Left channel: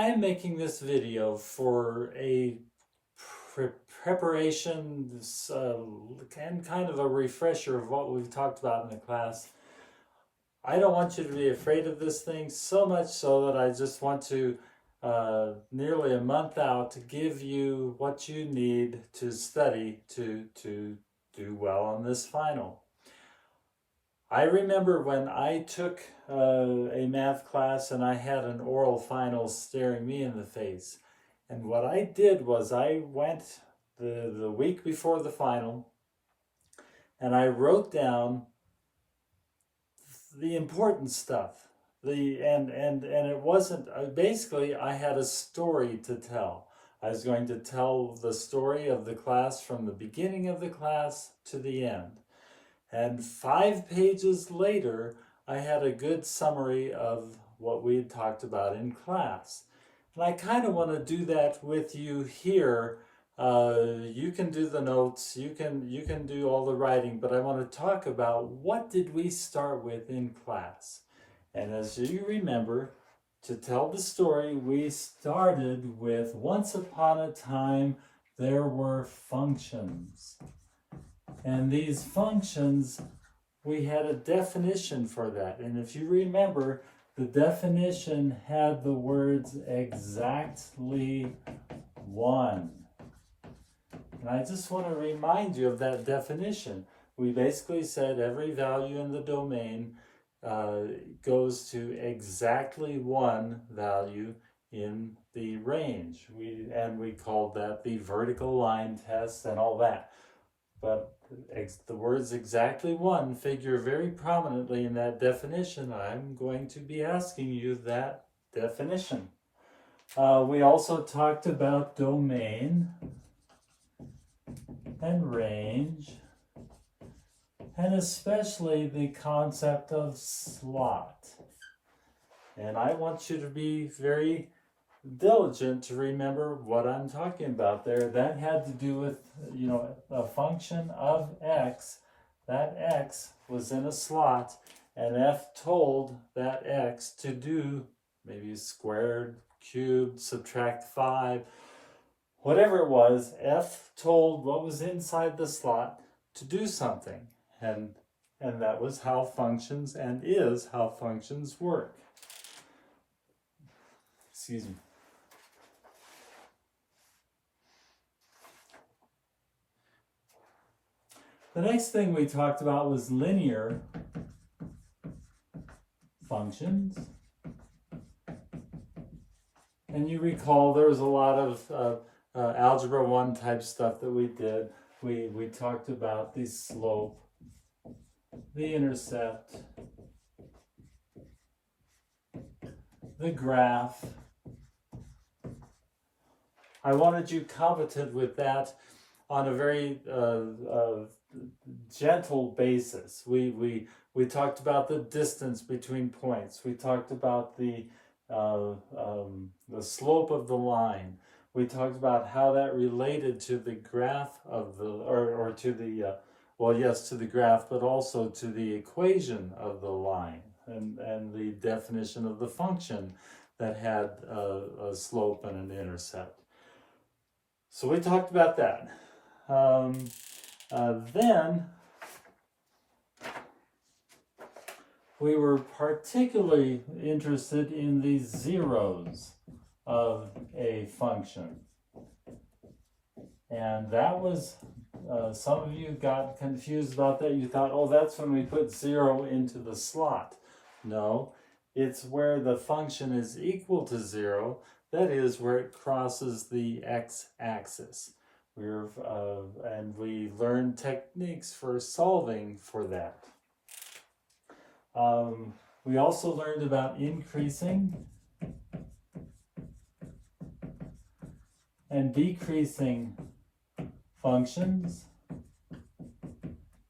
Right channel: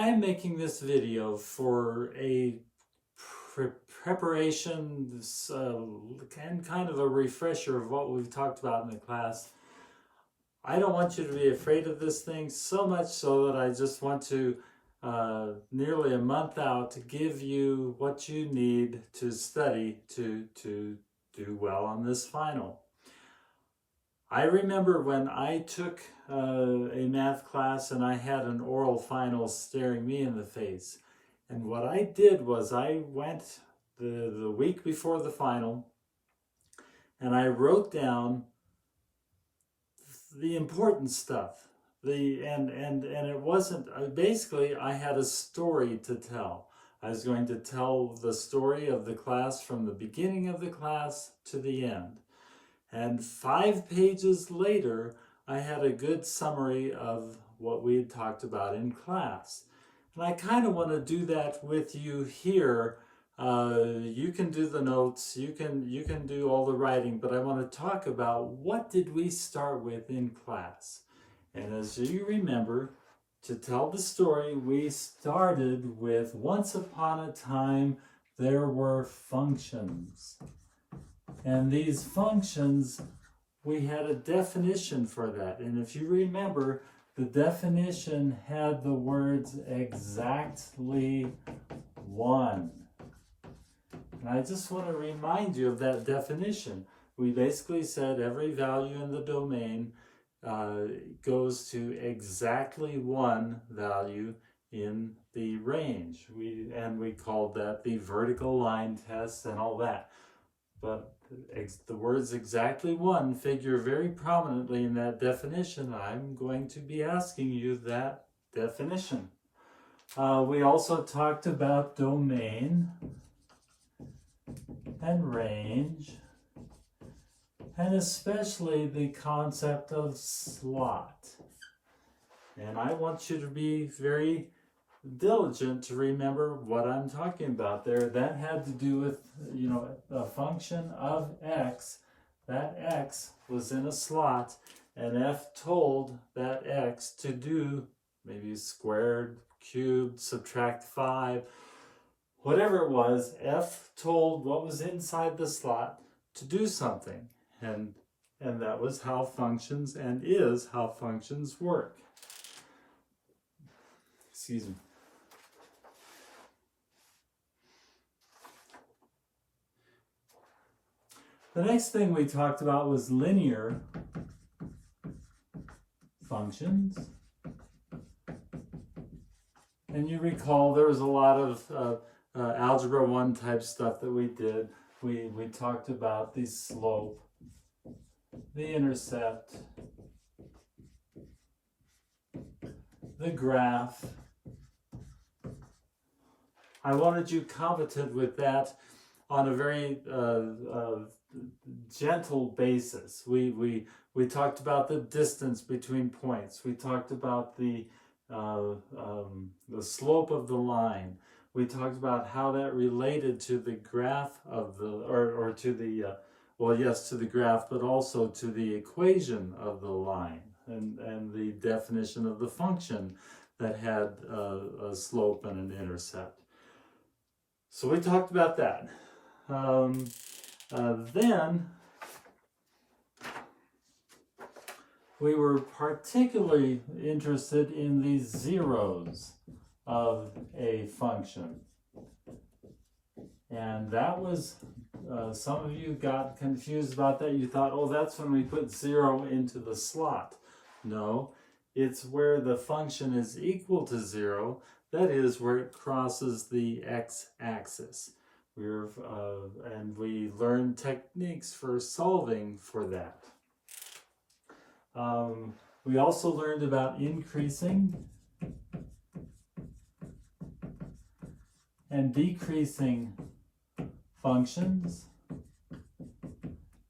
I am making this video for a preparation and kind of a refresher of what we've talked about in the class. I don't want you to be afraid of this thing, so much so that I just want to, nearly a month out, to give you what you need to study to do well on this final. I remember when I took a math class and I had an oral final staring me in the face. And what I did was I went the week before the final and I wrote down the important stuff. And it wasn't, basically I had a story to tell. I was going to tell the story of the class from the beginning of the class to the end. And 5 pages later, I had a good summary of what we had talked about in class. And I kind of want to do that with you here. You can do the notes, you can do all the writing, but I want to talk about what did we start with in class. And as you remember, to tell the story, we started with once upon a time there were functions. And these functions, we had a definition for that. And if you remember, the definition had the words exactly one. And I just want to remind you of that definition. We basically said every value in the domain goes to exactly one value in the range. We called that the vertical line test and all that. But the words exactly one figure very prominently in that definition. I'm going to be asking you that definition. We also talked about domain and range, and especially the concept of slot. And I want you to be very diligent to remember what I'm talking about there. That had to do with, a function of x. That x was in a slot, and f told that x to do maybe squared, cubed, subtract 5, whatever it was. F told what was inside the slot to do something, and that was how functions and is how functions work. Excuse me. The next thing we talked about was linear functions. And you recall there was a lot of Algebra 1 type stuff that we did. We talked about the slope, the intercept, the graph. I wanted you competent with that on a very gentle basis. We talked about the distance between points. We talked about the slope of the line. We talked about how that related to the graph of the, to the graph, but also to the equation of the line and the definition of the function that had a slope and an intercept. So we talked about that. Then we were particularly interested in the zeros of a function. And that was, some of you got confused about that. You thought, oh, that's when we put 0 into the slot. No, it's where the function is equal to 0. That is where it crosses the x-axis. And we learned techniques for solving for that. We also learned about increasing and decreasing functions.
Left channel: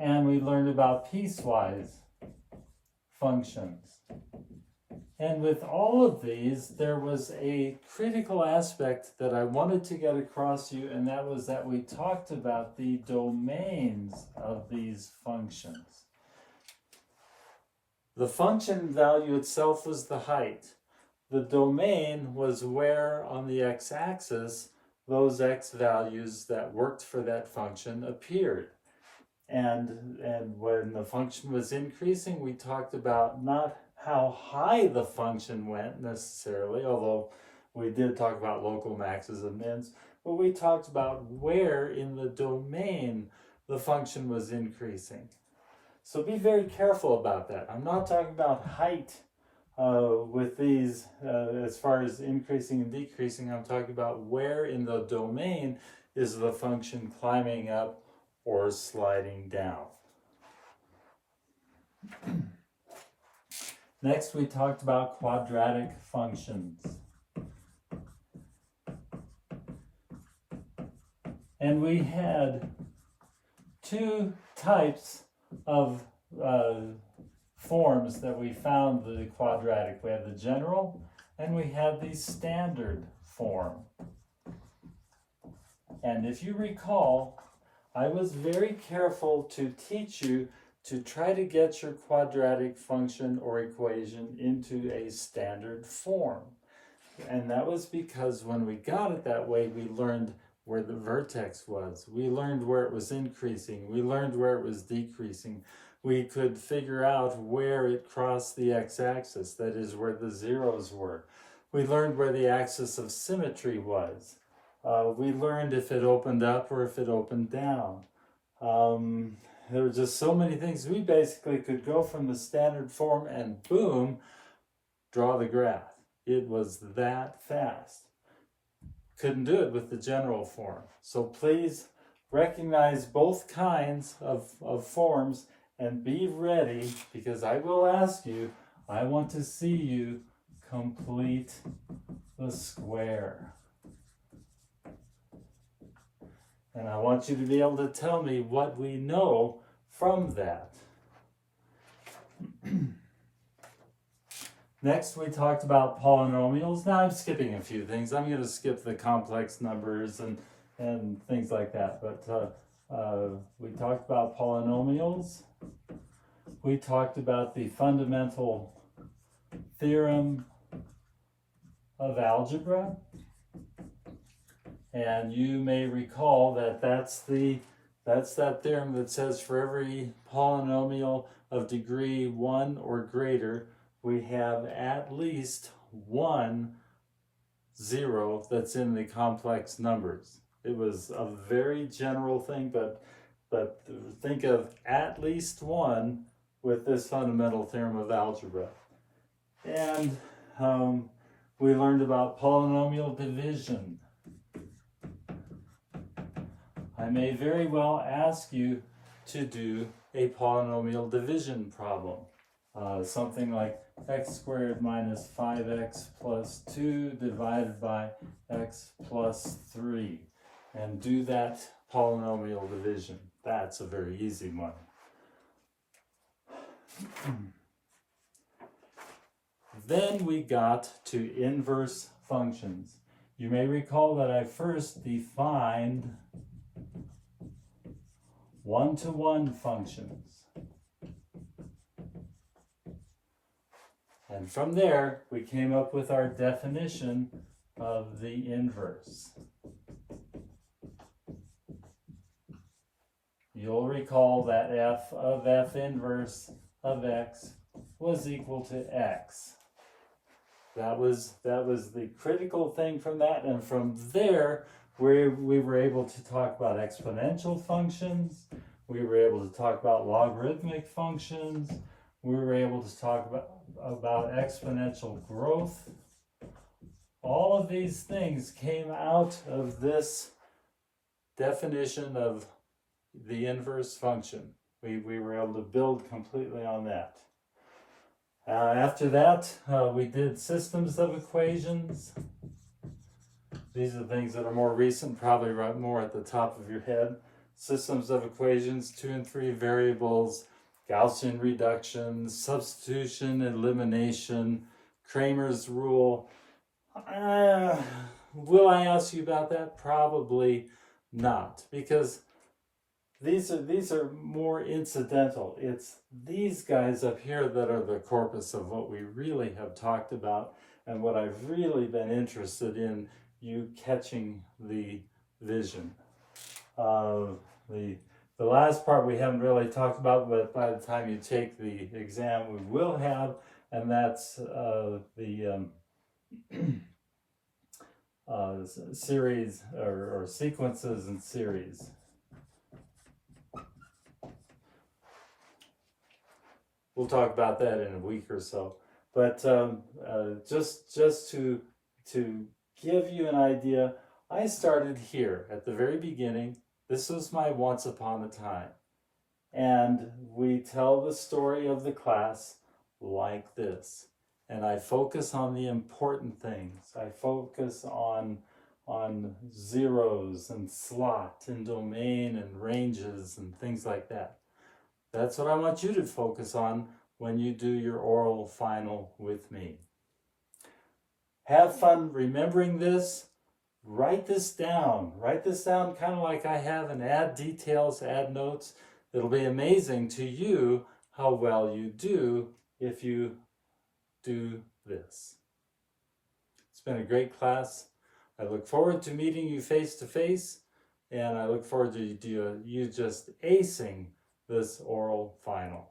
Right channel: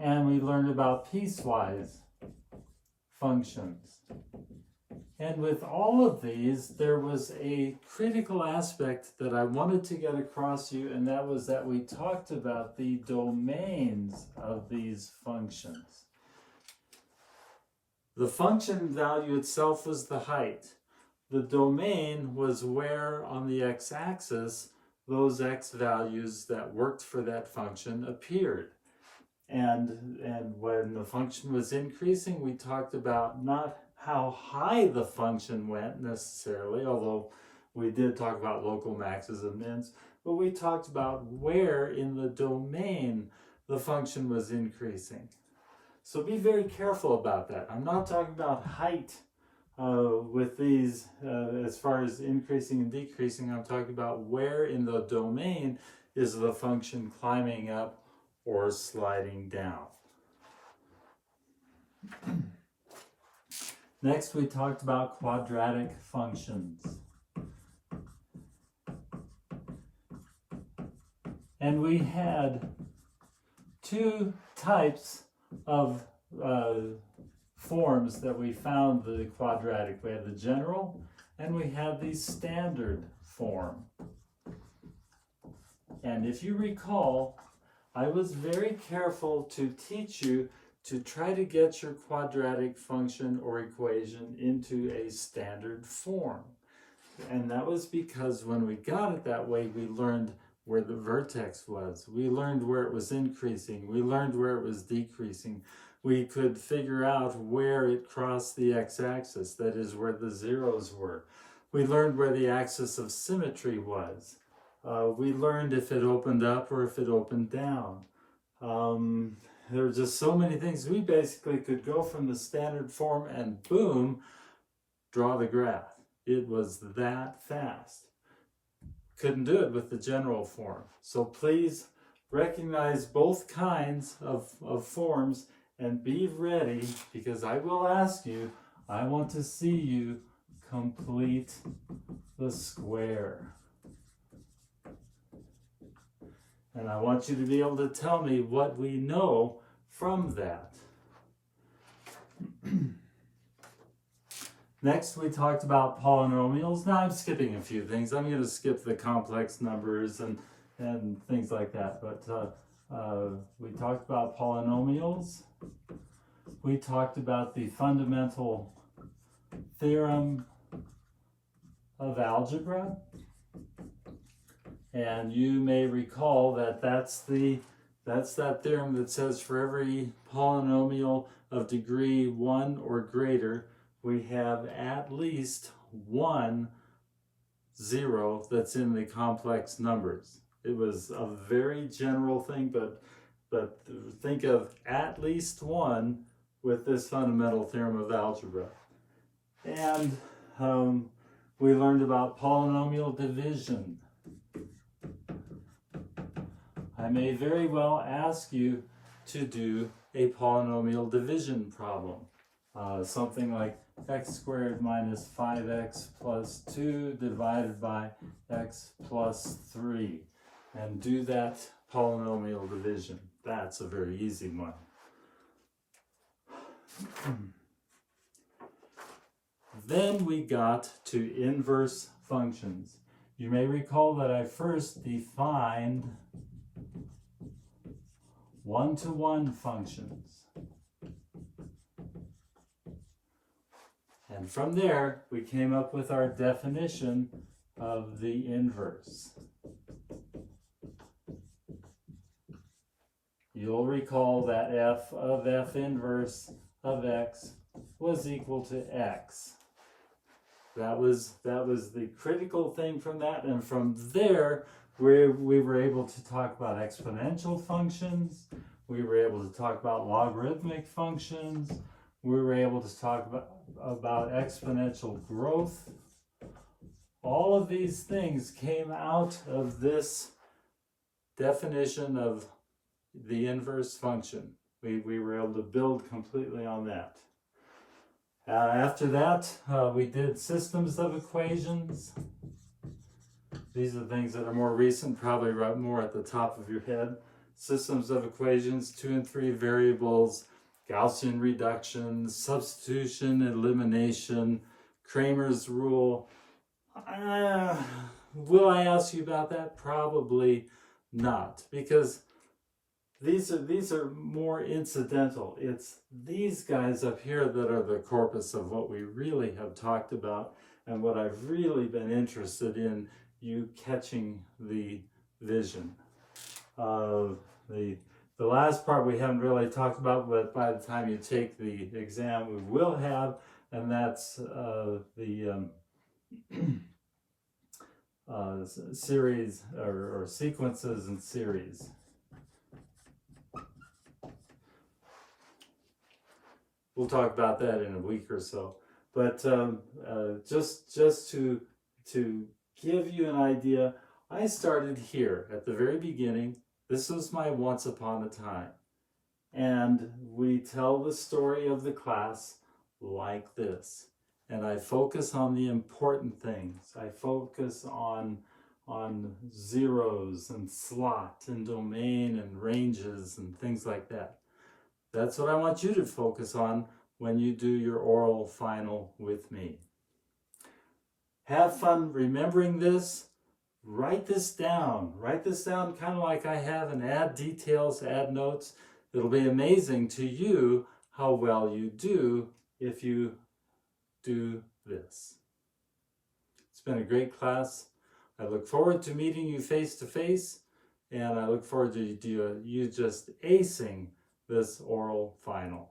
And we learned about piecewise functions. And with all of these, there was a critical aspect that I wanted to get across to you, and that was that we talked about the domains of these functions. The function value itself was the height. the domain was where on the x-axis those x values that worked for that function appeared. And when the function was increasing, we talked about not how high the function went necessarily, although we did talk about local maxes and mins, but we talked about where in the domain the function was increasing. So be very careful about that. I'm not talking about height with these as far as increasing and decreasing. I'm talking about where in the domain is the function climbing up or sliding down. Next, we talked about quadratic functions. And we had two types of forms that we found the quadratic. We had the general and we had the standard form. And if you recall, I was very careful to teach you to try to get your quadratic function or equation into a standard form. And that was because when we got it that way, we learned where the vertex was. We learned where it was increasing. We learned where it was decreasing. We could figure out where it crossed the x-axis, that is where the zeros were. We learned where the axis of symmetry was. We learned if it opened up or if it opened down. There were just so many things. We basically could go from the standard form and boom, draw the graph. It was that fast. Couldn't do it with the general form. So please recognize both kinds of forms and be ready, because I will ask you, I want to see you complete the square. And I want you to be able to tell me what we know from that. Next, we talked about polynomials. Now I'm skipping a few things. I'm going to skip the complex numbers and things like that. But we talked about polynomials. We talked about the fundamental theorem of algebra. And you may recall that that's that theorem that says for every polynomial of degree 1 or greater, we have at least one 0 that's in the complex numbers. It was a very general thing, but think of at least one with this fundamental theorem of algebra. And we learned about polynomial division. I may very well ask you to do a polynomial division problem. Something like x squared minus 5x plus 2 divided by x plus 3. And do that polynomial division. That's a very easy one. Then we got to inverse functions. You may recall that I first defined one-to-one functions. And from there, we came up with our definition of the inverse. You'll recall that f of f inverse of x was equal to x. That was the critical thing from that, and from there we were able to talk about exponential functions, we were able to talk about logarithmic functions, we were able to talk about exponential growth. All of these things came out of this definition of the inverse function. We were able to build completely on that. After that, we did systems of equations. These are things that are more recent, probably right more at the top of your head. Systems of equations, 2 and 3 variables, Gaussian reduction, substitution, elimination, Kramer's rule. Will I ask you about that? Probably not, because these are more incidental. It's these guys up here that are the corpus of what we really have talked about. and what I've really been interested in, you catching the vision. The last part we haven't really talked about, but by the time you take the exam, we will have, and that's the series or sequences and series. We'll talk about that in a week or so. But just to give you an idea, I started here at the very beginning. This was my once upon a time. And we tell the story of the class like this. And I focus on the important things. I focus on zeros and slot and domain and ranges and things like that. That's what I want you to focus on when you do your oral final with me. Have fun remembering this. Write this down. Write this down kind of like I have, and add details, add notes. It'll be amazing to you how well you do if you do this. It's been a great class. I look forward to meeting you face to face, and I look forward to you just acing this oral final.